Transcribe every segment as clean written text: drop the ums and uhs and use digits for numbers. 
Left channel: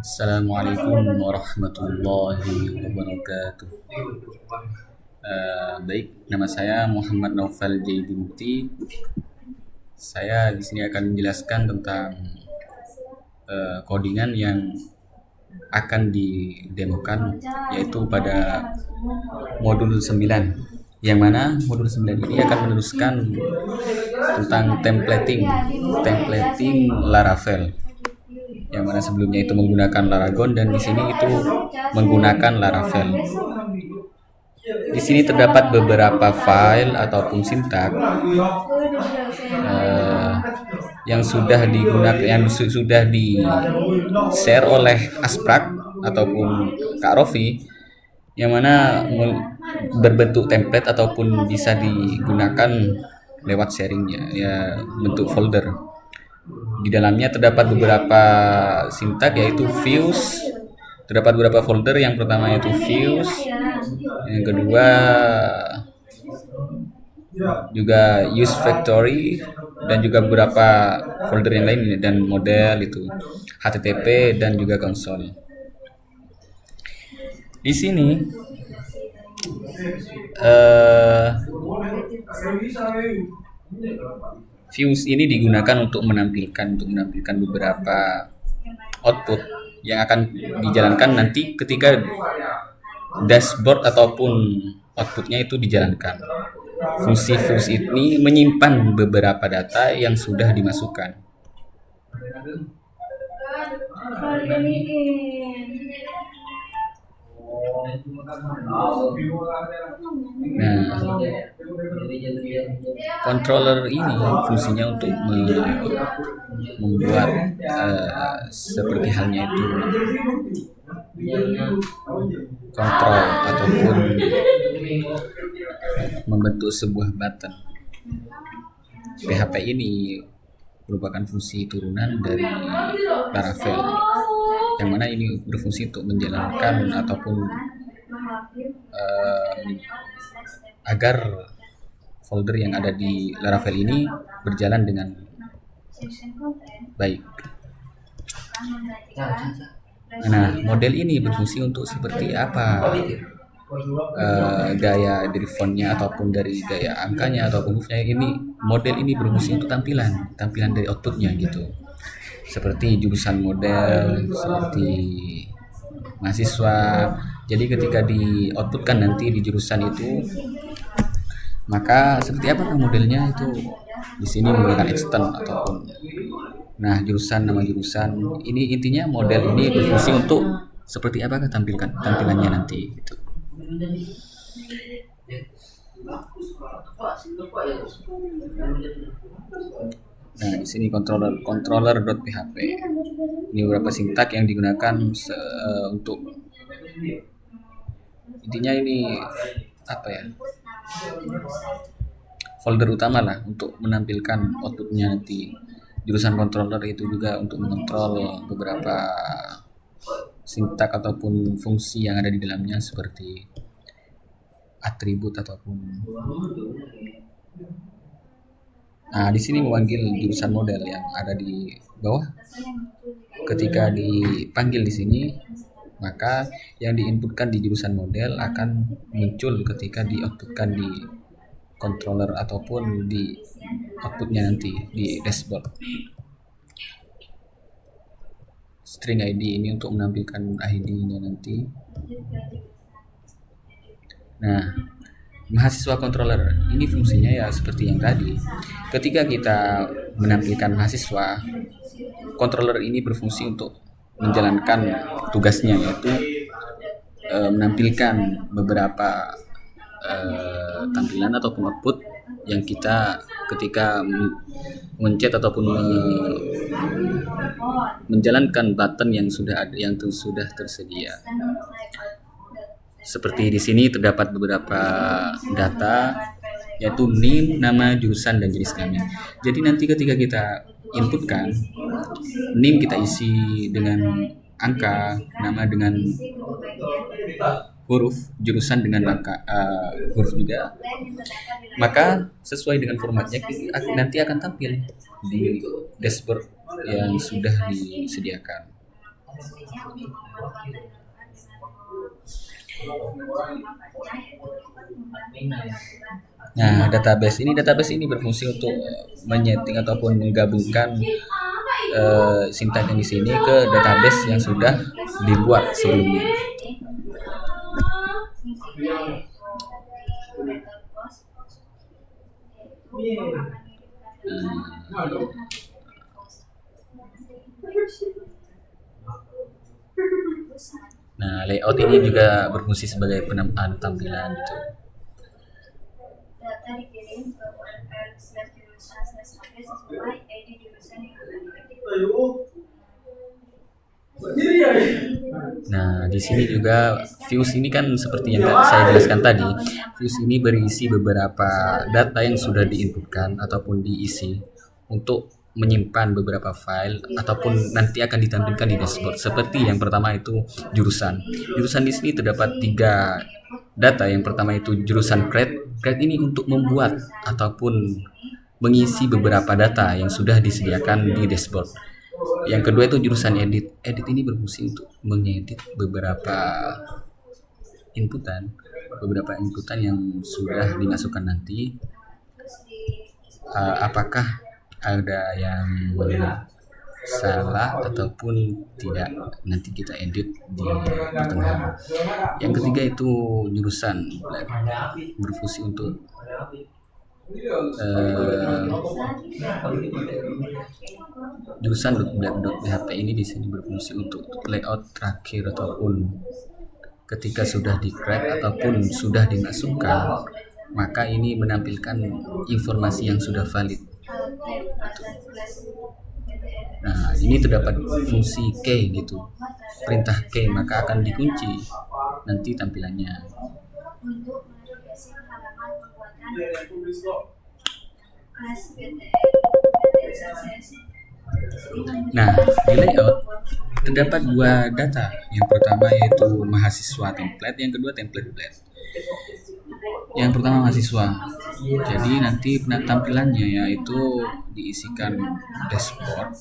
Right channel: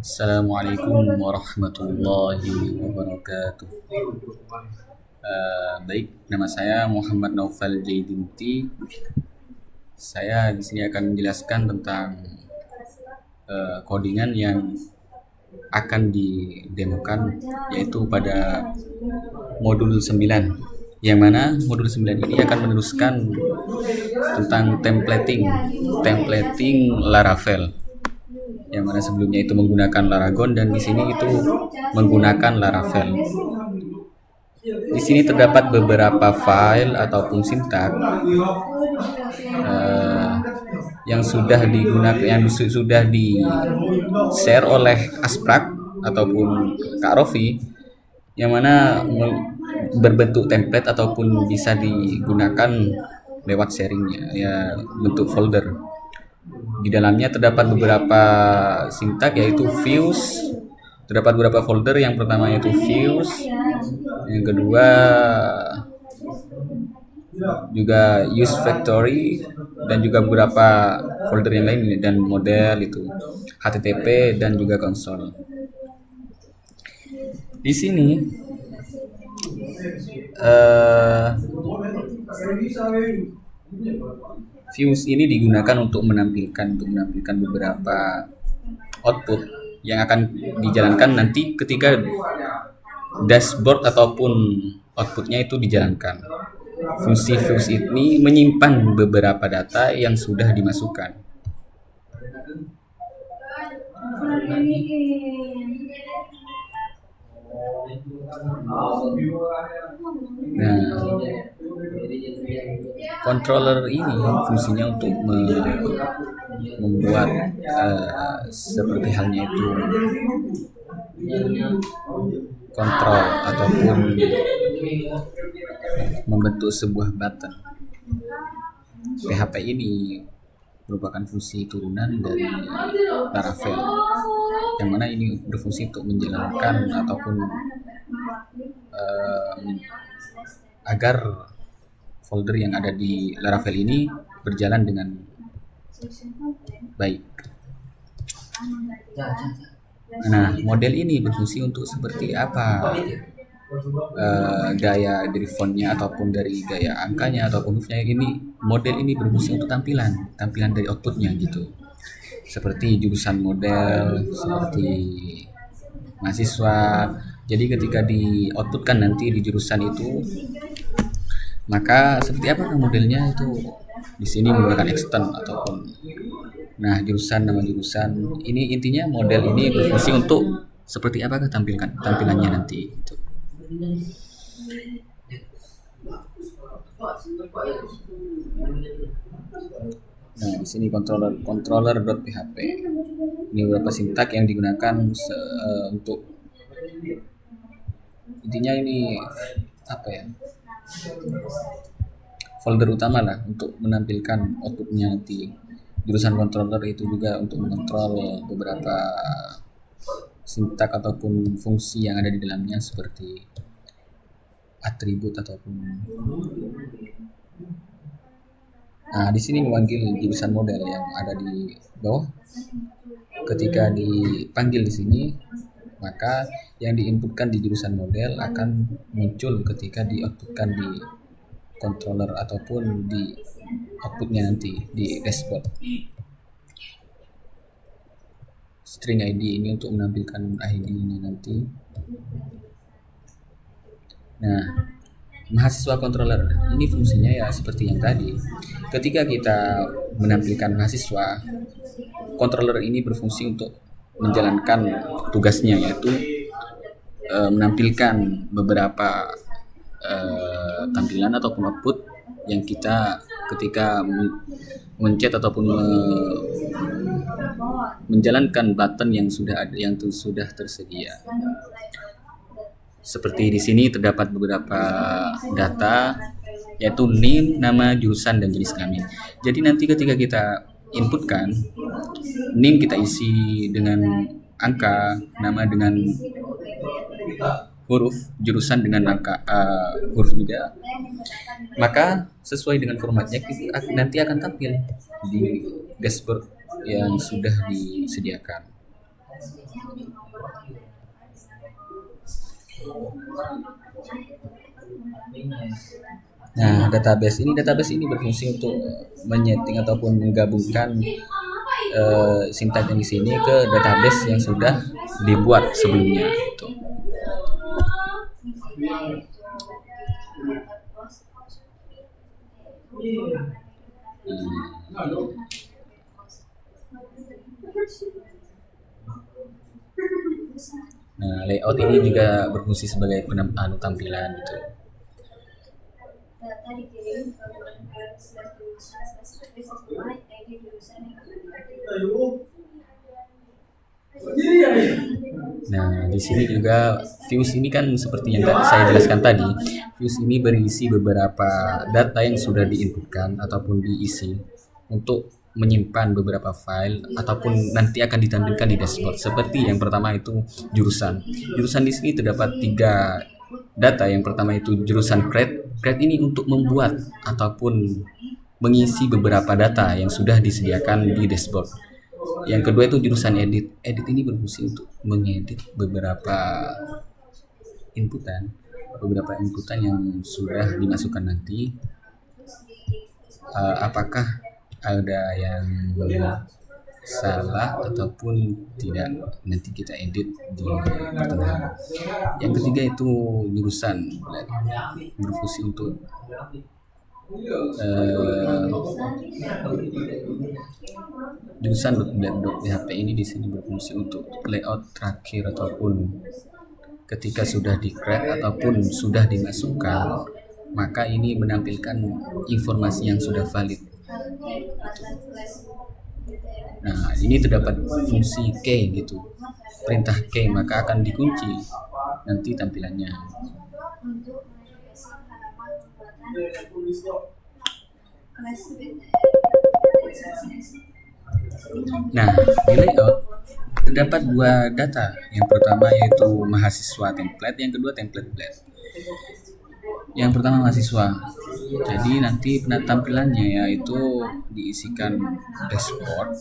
Assalamualaikum warahmatullahi wabarakatuh. Baik, nama saya Muhammad Naufal Jaidi Mukti. Saya di sini akan menjelaskan tentang codingan yang akan didemokan, yaitu pada modul 9. Yang mana modul 9 ini akan meneruskan tentang templating Laravel. Yang mana sebelumnya itu menggunakan Laragon dan di sini itu menggunakan Laravel. Di sini terdapat beberapa file ataupun sintak yang sudah digunakan, yang sudah di share oleh Asprak ataupun Kak Rofi, yang mana berbentuk template ataupun bisa digunakan lewat sharingnya, ya bentuk folder. Di dalamnya terdapat beberapa sintak, yaitu views. Terdapat beberapa folder. Yang pertama yaitu views, yang kedua juga use factory, dan juga beberapa folder yang lain, dan model itu HTTP dan juga konsol. Di sini views ini digunakan untuk menampilkan beberapa output yang akan dijalankan nanti ketika dashboard ataupun outputnya itu dijalankan. Fungsi views ini menyimpan beberapa data yang sudah dimasukkan. Nah, controller ini fungsinya untuk membuat seperti halnya itu kontrol ataupun membentuk sebuah button. PHP ini merupakan fungsi turunan dari Laravel, yang mana ini berfungsi untuk menjalankan ataupun agar folder yang ada di Laravel ini berjalan dengan baik. Nah, model ini berfungsi untuk seperti apa gaya dari fontnya ataupun dari gaya angkanya ataupun hurufnya. Ini model ini berfungsi untuk tampilan dari outputnya gitu, seperti jurusan model, seperti mahasiswa. Jadi ketika di outputkan nanti di jurusan itu, maka seperti apakah modelnya itu di sini menggunakan extend ataupun jurusan, nama jurusan. Ini intinya model ini berfungsi untuk seperti apakah tampilannya nanti gitu. Nah, di sini controller.php. Ini beberapa sintak yang digunakan untuk intinya ini apa ya? Folder utama lah untuk menampilkan outputnya nanti. Jurusan controller itu juga untuk mengontrol beberapa sintak ataupun fungsi yang ada di dalamnya, seperti atribut ataupun di sini memanggil jurusan model yang ada di bawah. Ketika dipanggil di sini, maka yang diinputkan di jurusan model akan muncul ketika dioutputkan di controller ataupun di outputnya nanti di dashboard. String ID ini untuk menampilkan ID-nya nanti. Nah, mahasiswa controller ini fungsinya ya seperti yang tadi. Ketika kita menampilkan mahasiswa, controller ini berfungsi untuk menjalankan tugasnya, yaitu menampilkan beberapa tampilan ataupun output yang kita ketika mencet ataupun menjalankan button yang sudah tersedia. Seperti di sini terdapat beberapa data, yaitu name, nama, jurusan, dan jenis kelamin. Jadi nanti ketika kita inputkan, name kita isi dengan angka, nama dengan huruf, jurusan dengan angka huruf juga. Maka sesuai dengan formatnya nanti akan tampil di dashboard yang sudah disediakan. Nah, database ini berfungsi untuk menyeting ataupun menggabungkan sintak yang di sini ke database yang sudah dibuat sebelumnya. Gitu. Nah, layout ini juga berfungsi sebagai tampilan gitu. Data dikirim ke URL/jurusan/update sesuai ID jurusan yang akan diedit. Nah, di sini juga views ini kan seperti yang saya jelaskan tadi. Views ini berisi beberapa data yang sudah diinputkan ataupun diisi untuk menyimpan beberapa file ataupun nanti akan ditampilkan di dashboard. Seperti yang pertama itu jurusan. Jurusan di sini terdapat 3 data. Yang pertama itu jurusan grade. Grade ini untuk membuat ataupun mengisi beberapa data yang sudah disediakan di dashboard. Yang kedua itu jurusan edit. Edit ini berfungsi untuk mengedit beberapa inputan yang sudah dimasukkan nanti. Apakah ada yang salah ataupun tidak, nanti kita edit di pertengahan. Yang ketiga itu jurusan berfungsi untuk jurusan .blad.php ini di sini berfungsi untuk layout terakhir ataupun ketika sudah di-create ataupun sudah dimasukkan, maka ini menampilkan informasi yang sudah valid. Gitu. Nah, ini terdapat fungsi key gitu. Perintah key maka akan dikunci nanti tampilannya. Nah, di layout terdapat 2 data. Yang pertama yaitu mahasiswa template, yang kedua template blad. Yang pertama mahasiswa. Jadi nanti tampilannya yaitu diisikan dashboard,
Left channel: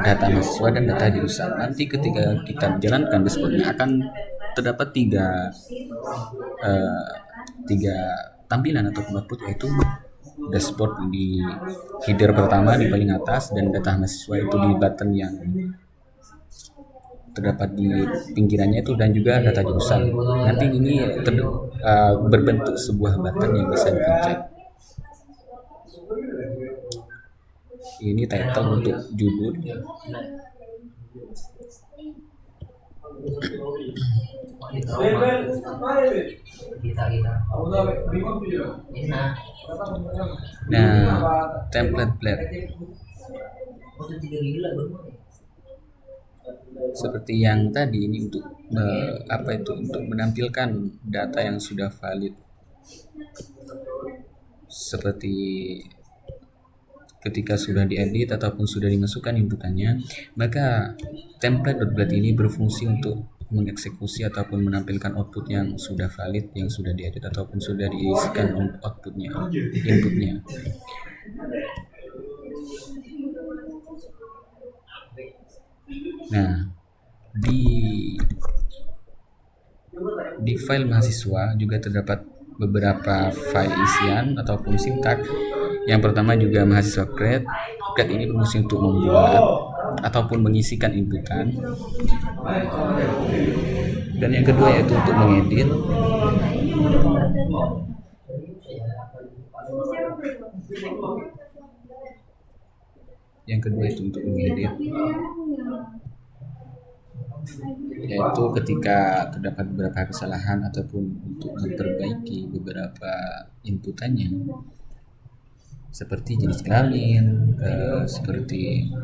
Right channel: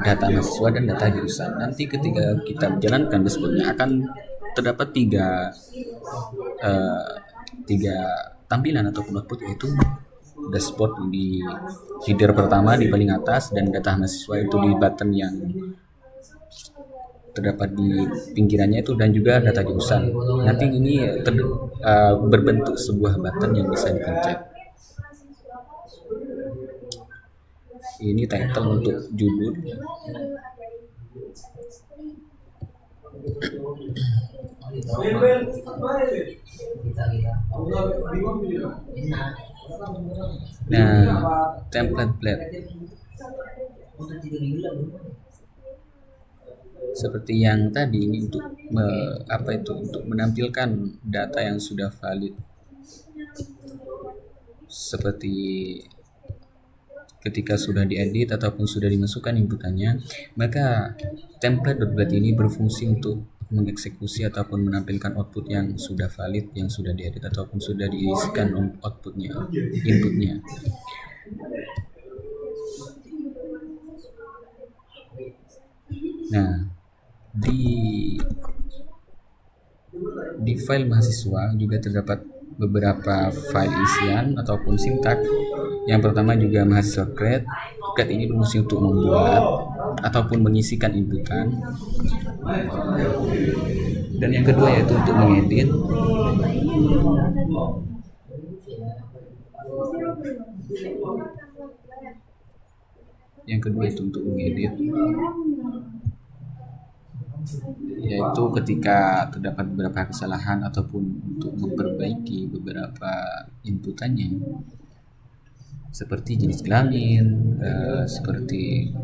data mahasiswa dan data jurusan. Nanti ketika kita menjalankan dashboardnya akan terdapat 3 tampilan ataupun output, yaitu dashboard di header pertama di paling atas dan data mahasiswa itu di button yang terdapat di pinggirannya itu, dan juga data jurusan. Nanti ini berbentuk sebuah button yang bisa dipencet. Ini title untuk judul. Nah, template blad seperti yang tadi ini untuk untuk menampilkan data yang sudah valid, seperti ketika sudah diedit ataupun sudah dimasukkan inputannya, maka template.blad ini berfungsi untuk mengeksekusi ataupun menampilkan output yang sudah valid, yang sudah diedit ataupun sudah diisikan inputnya. Nah, di file mahasiswa juga terdapat beberapa file isian ataupun sintak. Yang pertama juga mahasiswa grade. Grade ini berfungsi untuk membuat ataupun mengisikan inputan. Dan yang kedua yaitu untuk mengedit. Yang kedua itu untuk mengedit, yaitu ketika terdapat beberapa kesalahan ataupun untuk memperbaiki beberapa inputannya, seperti jenis kelamin, seperti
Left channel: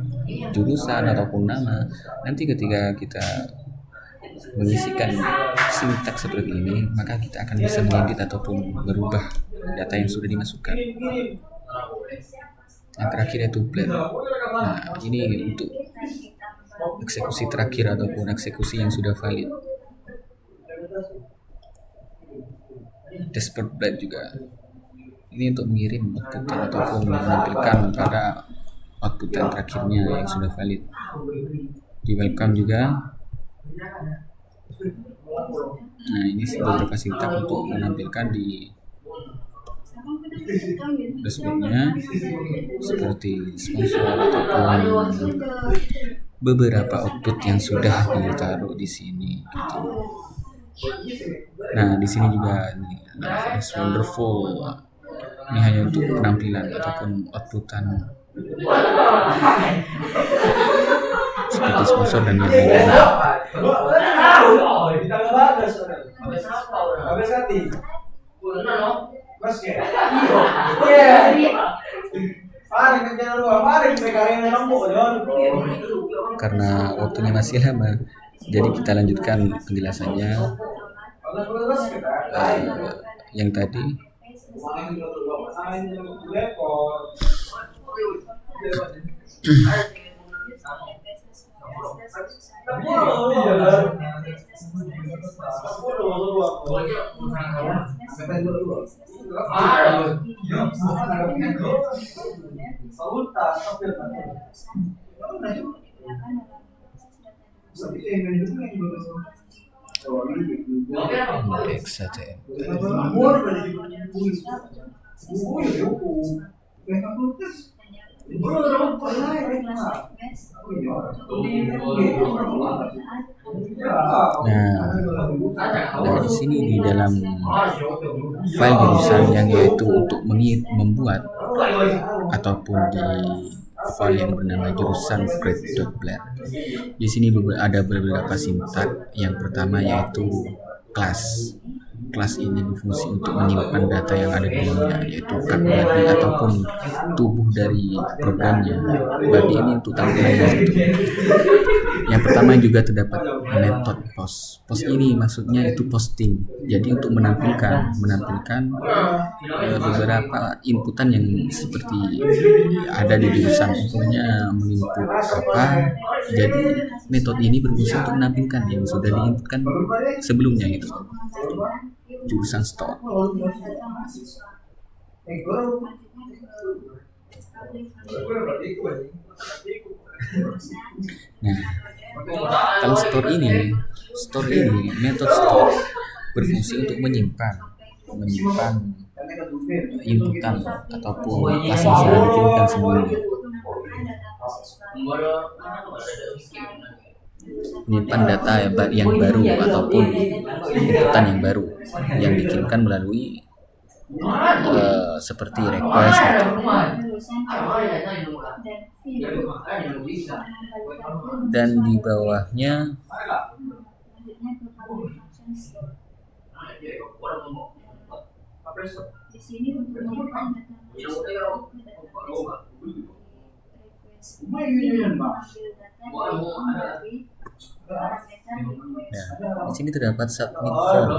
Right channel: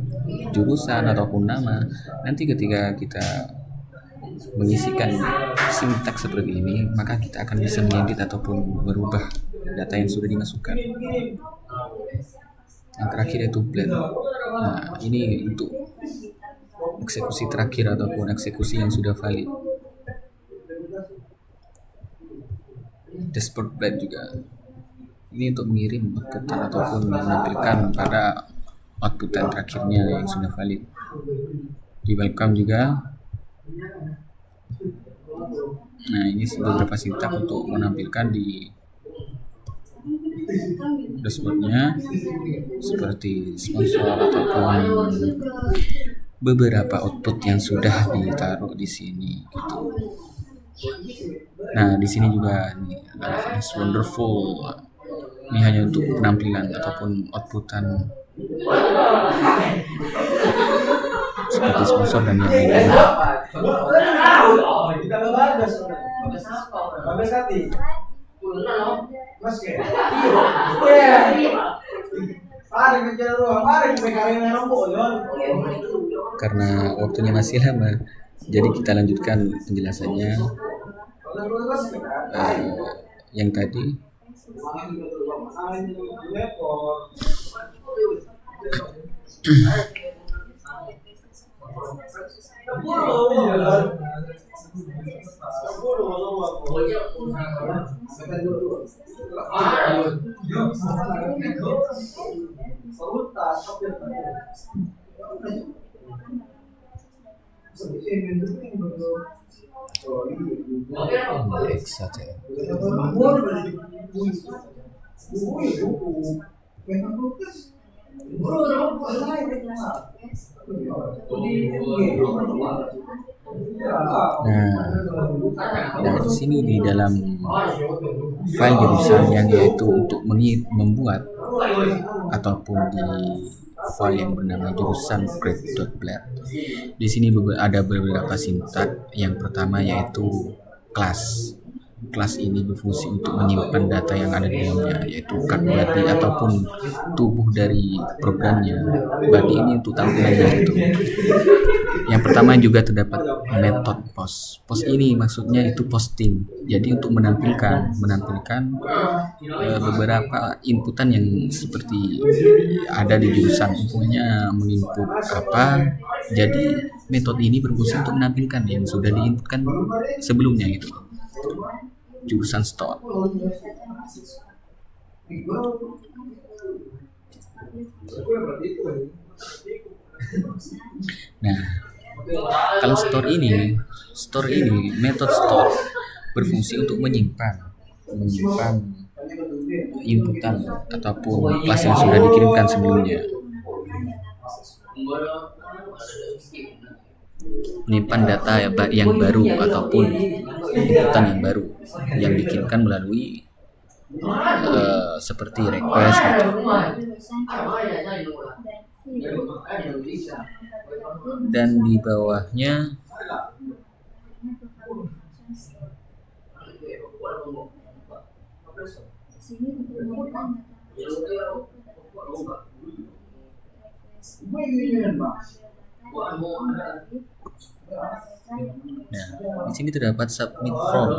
jurusan ataupun nama. Nanti ketika kita mengisikan sintaks seperti ini, maka kita akan bisa mengedit ataupun merubah data yang sudah dimasukkan. Yang terakhir yaitu blad. Nah, ini untuk eksekusi terakhir ataupun eksekusi yang sudah valid. Dashboard blad juga. Ini untuk mengirim outputan ataupun menampilkan pada outputan terakhirnya yang sudah valid. di welcome juga. Nah, ini beberapa sintak untuk menampilkan di dashboardnya seperti sponsor ataupun beberapa output yang sudah ditaruh di sini gitu. Nah, di sini juga nih Laravel is wonderful. Ini hanya untuk penampilan ataupun outputan seperti sponsor dan yang lain-lain. Karena waktunya masih lama, jadi kita lanjutkan penjelasannya. Yang tadi indeks HTML. Nah, di sini di dalam file jurusan yang yaitu untuk membuat ataupun di file yang bernama jurusan grade.blad. Di sini ada beberapa sintak. Yang pertama yaitu kelas. Kelas ini berfungsi untuk menyimpan data yang ada di dalamnya, yaitu cat body ataupun tubuh dari programnya. Body ini untuk tampilannya itu. Yang pertama juga terdapat method post. Post ini maksudnya itu posting. Jadi untuk menampilkan beberapa inputan yang seperti ada di jurusan. Umpamanya menginput apa. Jadi metode ini berfungsi untuk menampilkan yang sudah diinputkan sebelumnya gitu. Jurusan store. Nah, kalau store ini metode store berfungsi untuk menyimpan inputan ataupun kelas yang sudah dikirimkan sebelumnya. Menyimpan data yang baru ataupun inputan yang baru yang dikirimkan melalui seperti request gitu. Dan di bawahnya di sini terdapat submit form.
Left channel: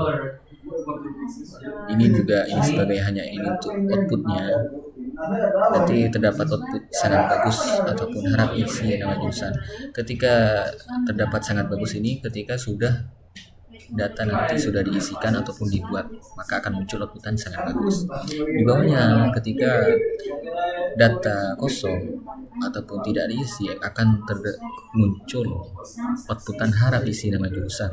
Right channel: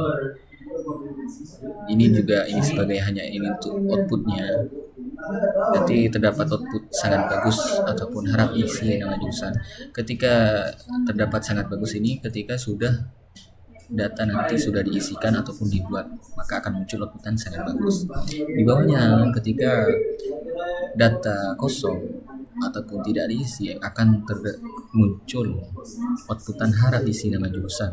Ini sebagai hanya ini untuk outputnya. Berarti terdapat output sangat bagus ataupun harap isi nama jurusan. Ketika terdapat sangat bagus ini, ketika sudah data nanti sudah diisikan ataupun dibuat, maka akan muncul outputan sangat bagus. Di bawahnya ketika data kosong ataupun tidak diisi, akan muncul outputan harap isi nama jurusan.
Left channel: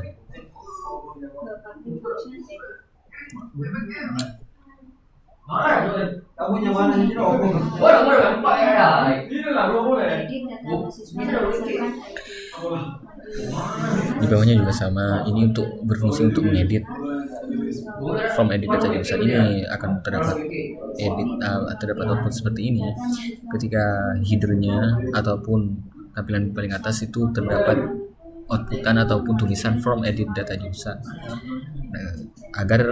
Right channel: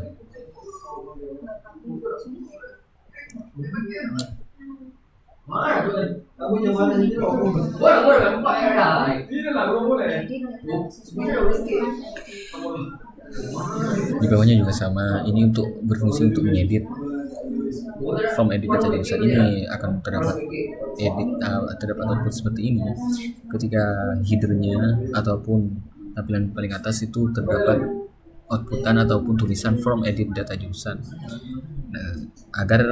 Di bawahnya juga sama, ini untuk berfungsi untuk mengedit from edit data jurusan. Ini akan terdapat output seperti ini. Ketika headernya ataupun tampilan paling atas itu terdapat outputan ataupun tulisan from edit data jurusan. Nah, agar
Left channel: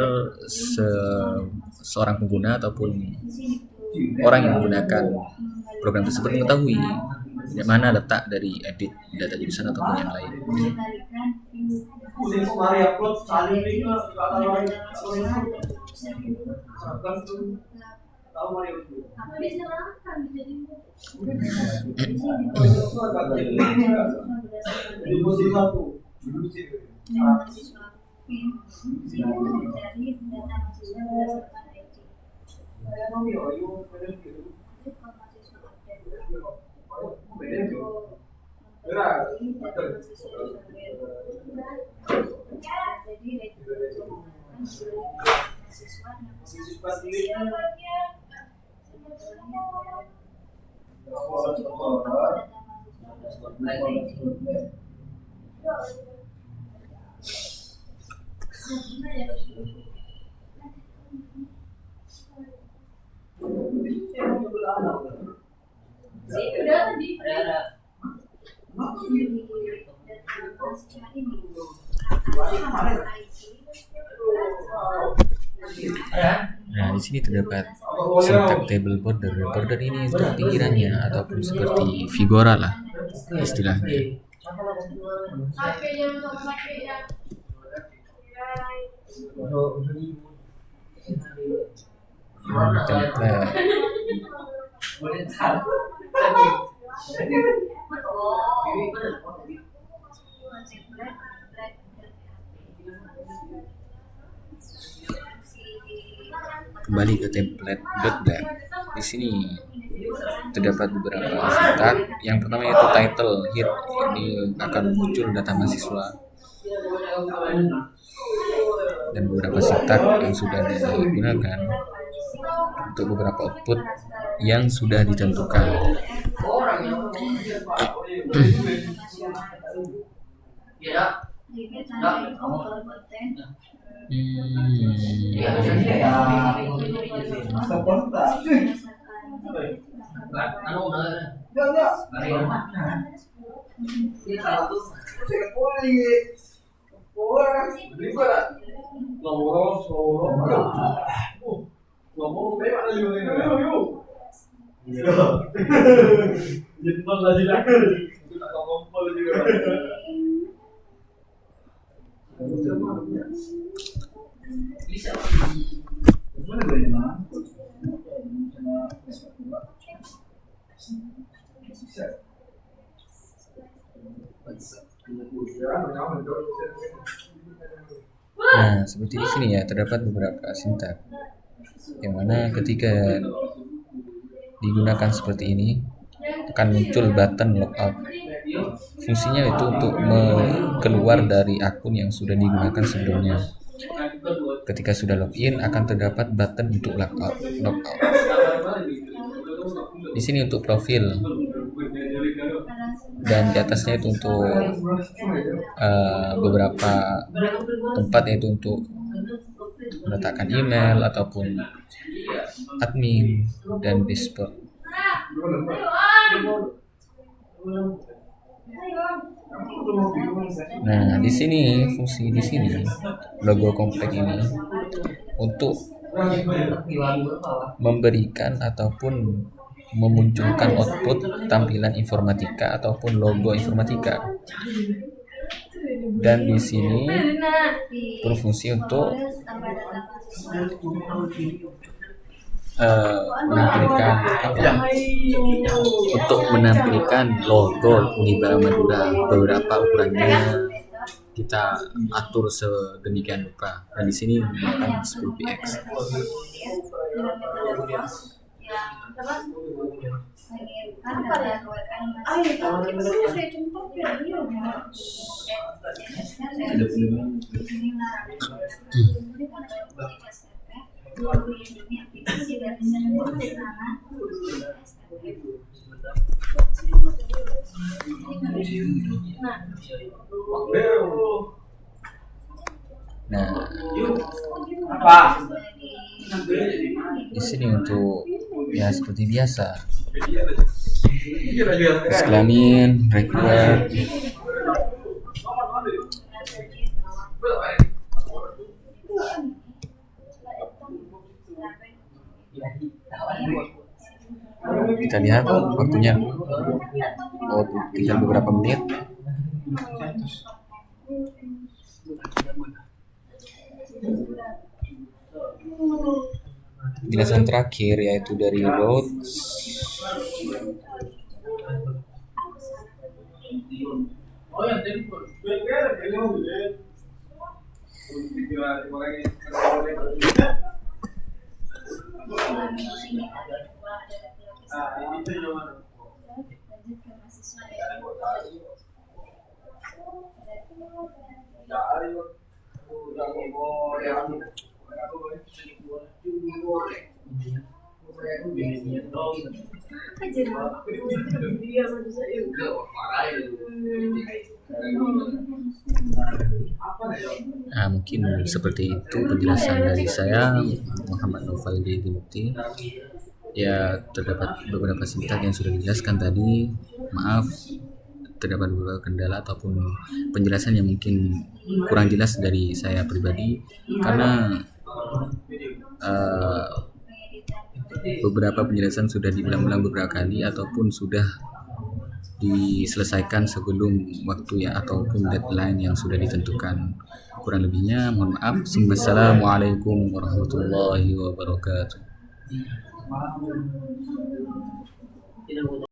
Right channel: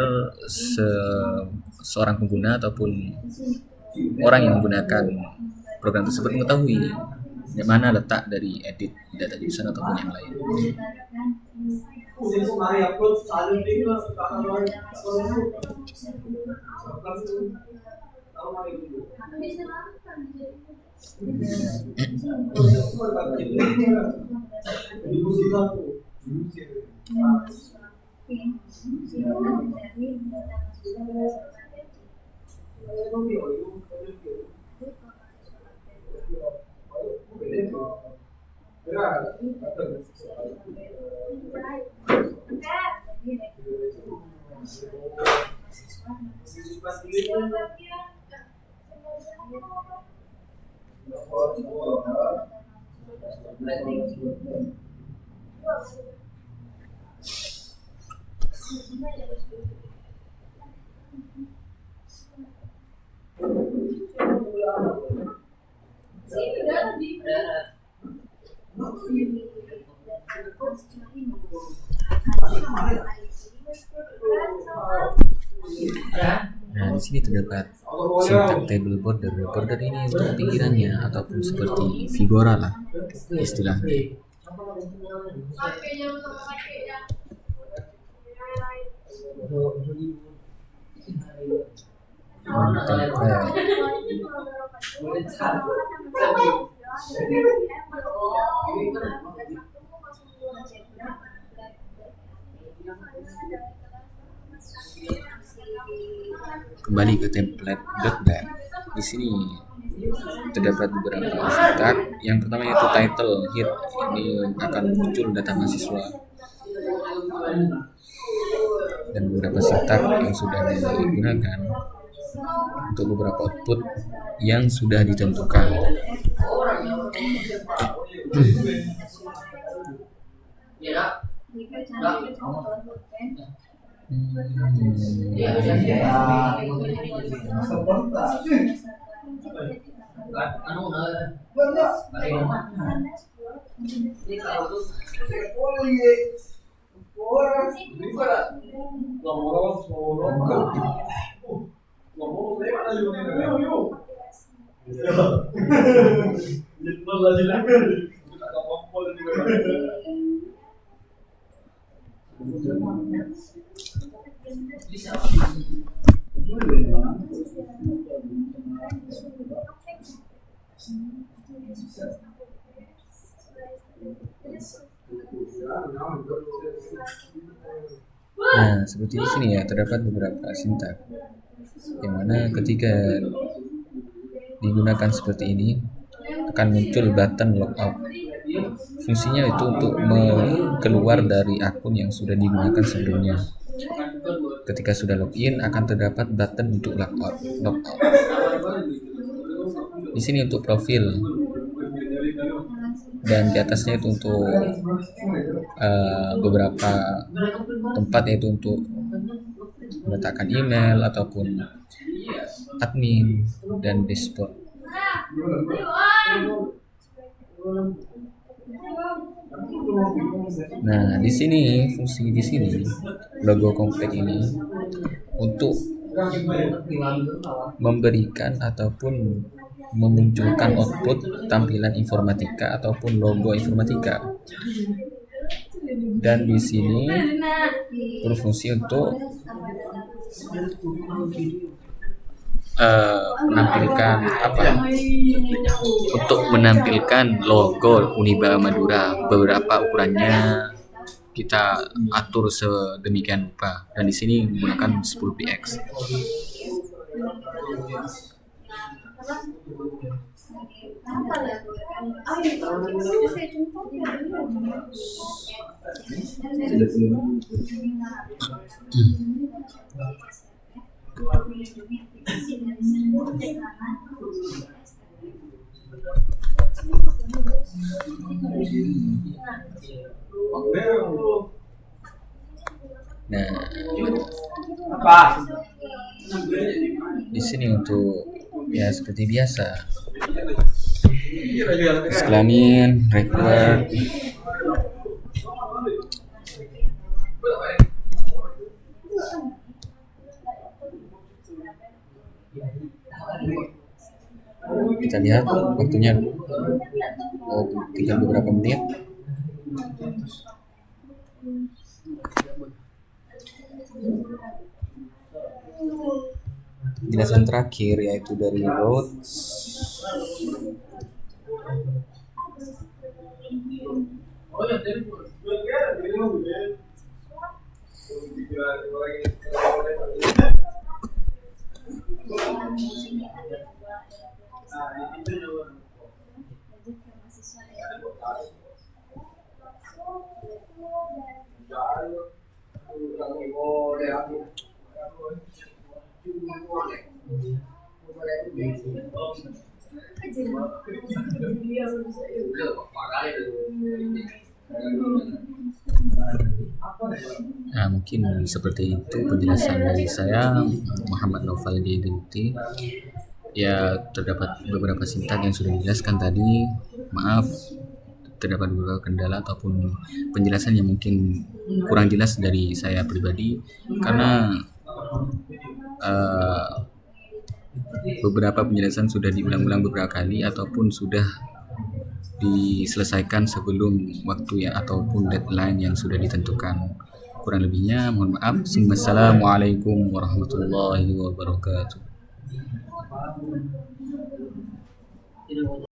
seorang pengguna ataupun orang yang menggunakan program tersebut mengetahui di mana letak dari edit data jurusan ataupun yang lain. Nah, di sini terdapat sintak table border. Border ini untuk pinggirannya ataupun seperti figura lah istilahnya. Template. Kembali ke template .deb. Di sini terdapat beberapa sintak. Yang pertama yaitu title hit. Ini akan muncul data mahasiswa dan beberapa sintak yang sudah digunakan untuk beberapa output yang sudah ditentukan. Nah, seperti di sini ya, terdapat beberapa sintak yang mana ketika digunakan seperti ini akan muncul button logout. Fungsinya itu untuk keluar dari akun yang sudah digunakan sebelumnya. Ketika sudah login akan terdapat button untuk logout. Di sini untuk profil dan di atasnya itu untuk beberapa tempat, yaitu untuk meletakkan email ataupun admin dan dashboard. Nah, di sini fungsi di sini logo komplek ini untuk memberikan ataupun memunculkan output tampilan informatika ataupun logo informatika. Dan di sini berfungsi untuk menampilkan untuk menampilkan logo Uniba Madura. Beberapa ukurannya kita atur sedemikian rupa, dan di sini menggunakan 10px. Nah, di sini untuk ya seperti biasa, disclaimer, record, kita lihat waktunya tinggal beberapa menit. Penjelasan terakhir yaitu dari Rhodes. Nah, mungkin seperti itu penjelasan dari saya, Muhammad Naufal Jaidi Mukti. Ya, terdapat beberapa sintak yang sudah dijelaskan tadi. Maaf, terdapat beberapa kendala ataupun penjelasan yang mungkin kurang jelas dari saya pribadi, karena eh, beberapa penjelasan sudah diulang-ulang beberapa kali ataupun sudah diselesaikan sebelum waktu ya ataupun deadline yang sudah ditentukan. Kurang lebihnya mohon maaf. Assalamualaikum warahmatullahi wabarakatuh.